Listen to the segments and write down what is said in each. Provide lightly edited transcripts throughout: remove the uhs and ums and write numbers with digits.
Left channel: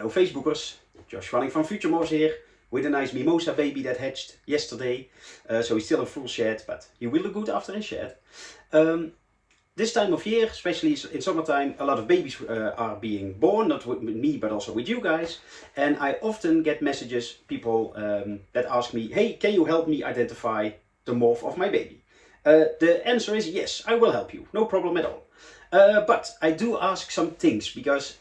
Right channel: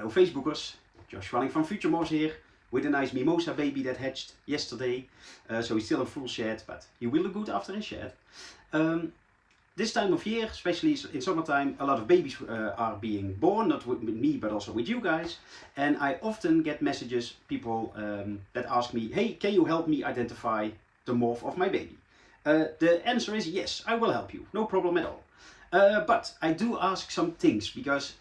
Hello Facebookers, Josh running from FutureMorphs here with a nice mimosa baby that hatched yesterday. So he's still in full shed, but he will look good after his shed. This time of year, especially in summertime, a lot of babies are being born, not with me, but also with you guys. And I often get messages, people that ask me, hey, can you help me identify the morph of my baby? The answer is yes, I will help you, no problem at all. But I do ask some things because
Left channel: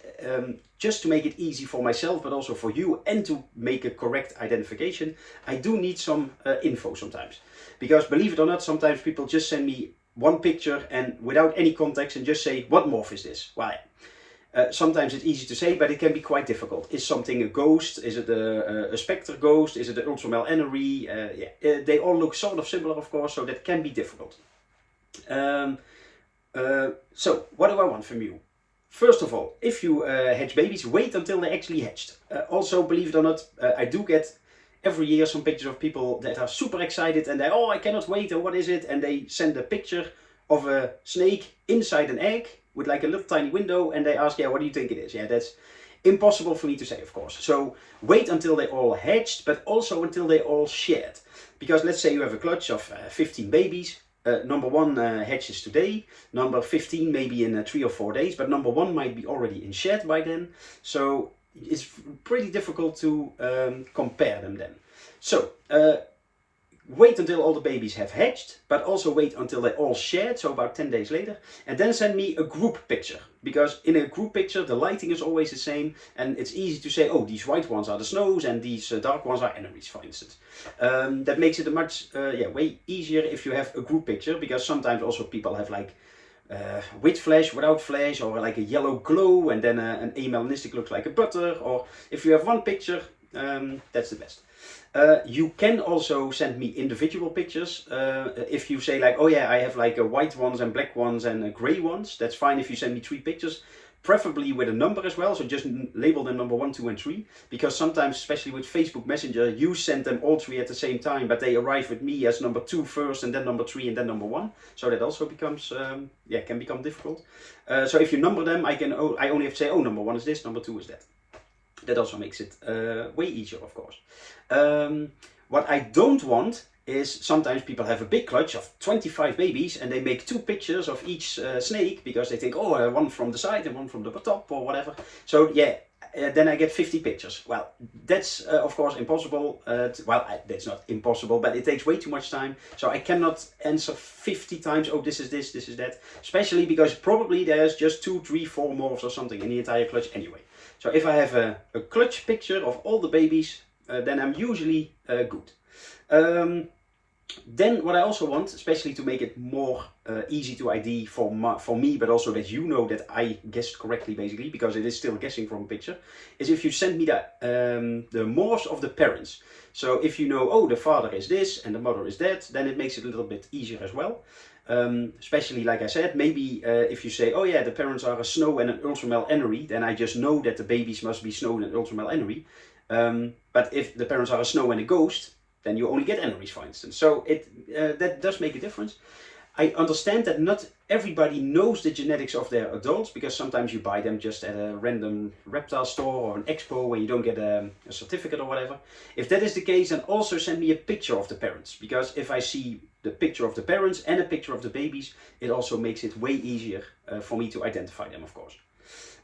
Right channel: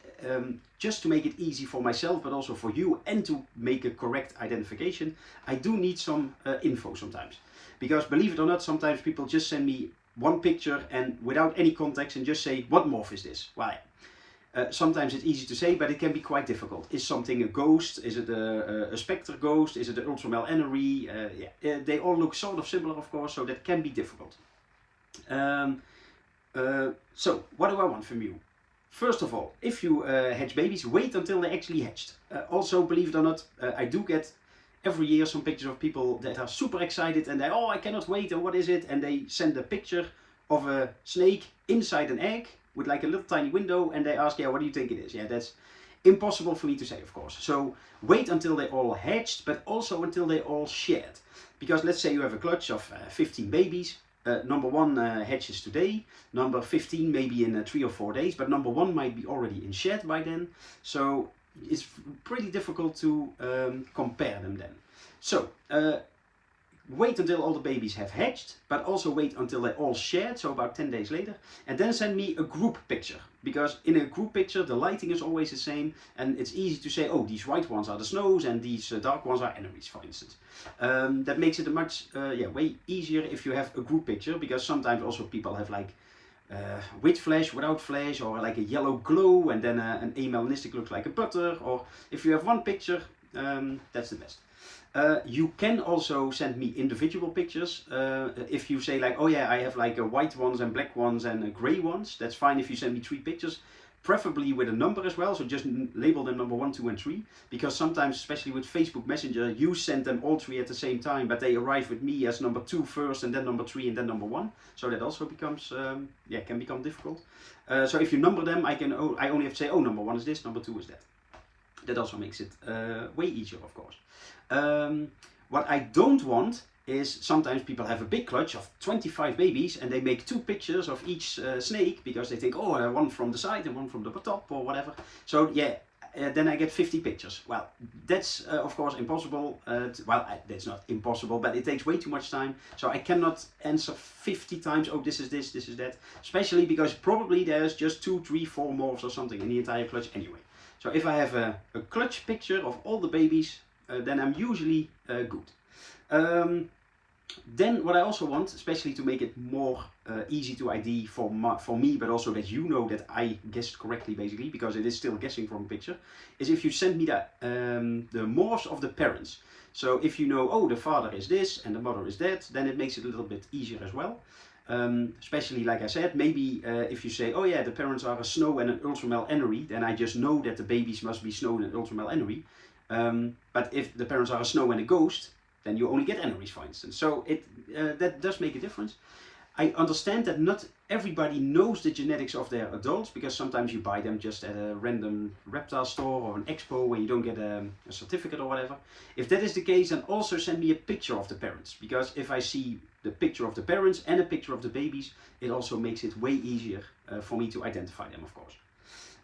just to make it easy for myself, but also for you, and to make a correct identification, I do need some info sometimes. Because believe it or not, sometimes people just send me one picture and without any context and just say, what morph is this? Well, sometimes it's easy to say, but it can be quite difficult. Is something a ghost? Is it a spectre ghost? Is it an ultramel anery? They all look sort of similar, of course, so that can be difficult. So what do I want from you? First of all, if you hatch babies, wait until they actually hatched. Also, believe it or not, I do get every year some pictures of people that are super excited and they, oh, I cannot wait, and what is it? And they send a picture of a snake inside an egg with like a little tiny window, and they ask, yeah, what do you think it is? Yeah, that's impossible for me to say, of course. So wait until they all hatched, but also until they all shed. Because let's say you have a clutch of 15 babies. Number 1 hatches today, number 15 maybe in 3 or 4 days, but number 1 might be already in shed by then. So it's pretty difficult to compare them then. So wait until all the babies have hatched, but also wait until they all shed, so about 10 days later, and then send me a group picture. Because in a group picture, the lighting is always the same, and it's easy to say, oh, these white ones are the snows, and these dark ones are aneries, for instance. That makes it a much, way easier if you have a group picture, because sometimes also people have like with flash, without flash, or like a yellow glow, and then an amelanistic looks like a butter, or if you have one picture, that's the best. You can also send me individual pictures. If you say like, oh yeah, I have like white ones and black ones and gray ones, that's fine if you send me 3 pictures, preferably with a number as well. So just label them number 1, 2 and 3, because sometimes, especially with Facebook Messenger, you send them all 3 at the same time, but they arrive with me as number 2 first, and then number 3, and then number 1. So that also becomes, can become difficult. So if you number them, I only have to say, oh, number 1 is this, number 2 is that. That also makes it way easier, of course. What I don't want is sometimes people have a big clutch of 25 babies and they make 2 pictures of each snake because they think, oh, one from the side and one from the top or whatever. So yeah, then I get 50 pictures. Well, that's of course impossible. That's not impossible, but it takes way too much time. So I cannot answer 50 times, oh, this is this, this is that. Especially because probably there's just 2, 3, 4 morphs or something in the entire clutch anyway. So if I have a clutch picture of all the babies, then I'm usually good. Then what I also want, especially to make it more easy to ID for me, but also that you know that I guessed correctly basically, because it is still guessing from a picture, is if you send me the morphs of the parents. So if you know, oh, the father is this and the mother is that, then it makes it a little bit easier as well. Especially like I said, maybe if you say, oh yeah, the parents are a snow and an ultramel anery, then I just know that the babies must be snow and ultramel anery. But if the parents are a snow and a ghost, then you only get aneries, for instance. So that does make a difference. I understand that not everybody knows the genetics of their adults, because sometimes you buy them just at a random reptile store or an expo where you don't get a certificate or whatever. If that is the case, then also send me a picture of the parents, because if I see the picture of the parents and a picture of the babies, it also makes it way easier for me to identify them, of course.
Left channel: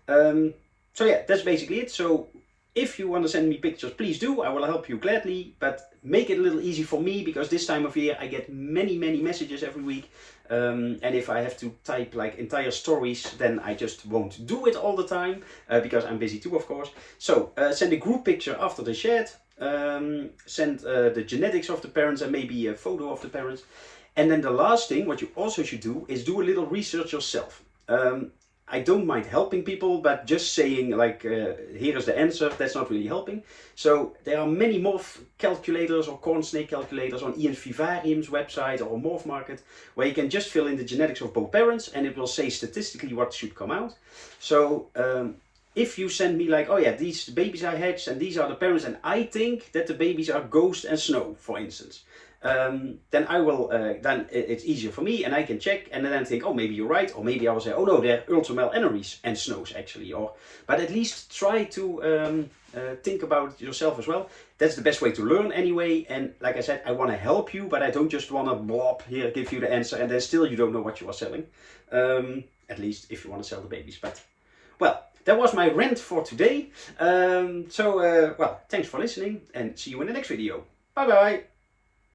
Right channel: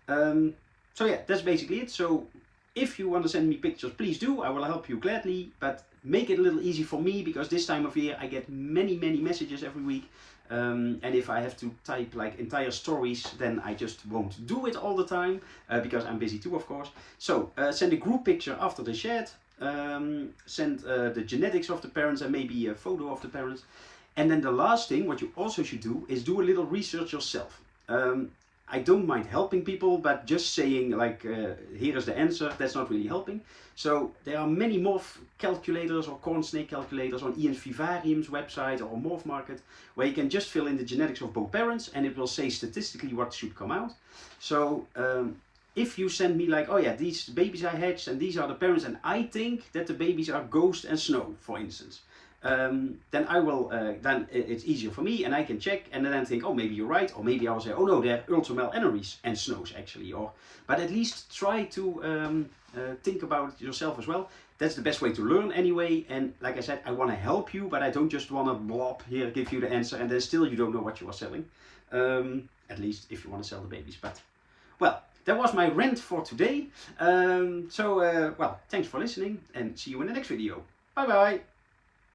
So yeah, that's basically it. So if you want to send me pictures, please do. I will help you gladly, but make it a little easy for me, because this time of year I get many messages every week. And if I have to type like entire stories, then I just won't do it all the time, because I'm busy too, of course. So send a group picture after the shed, send the genetics of the parents and maybe a photo of the parents. And then the last thing, what you also should do, is do a little research yourself. I don't mind helping people, but just saying like, here is the answer, that's not really helping. So there are many morph calculators or corn snake calculators on Ian Vivarium's website or Morph Market, where you can just fill in the genetics of both parents and it will say statistically what should come out. So if you send me like, oh yeah, these babies I hatched and these are the parents, and I think that the babies are ghost and snow, for instance, then I will, then it's easier for me and I can check and then think, oh, maybe you're right. Or maybe I will say, oh no, they're ultra-male aneries and snows actually. But at least try to think about it yourself as well. That's the best way to learn anyway. And like I said, I want to help you, but I don't just want to blob here, give you the answer, and then still you don't know what you are selling. At least if you want to sell the babies. But, well, that was my rant for today. Well, thanks for listening and see you in the next video. Bye bye.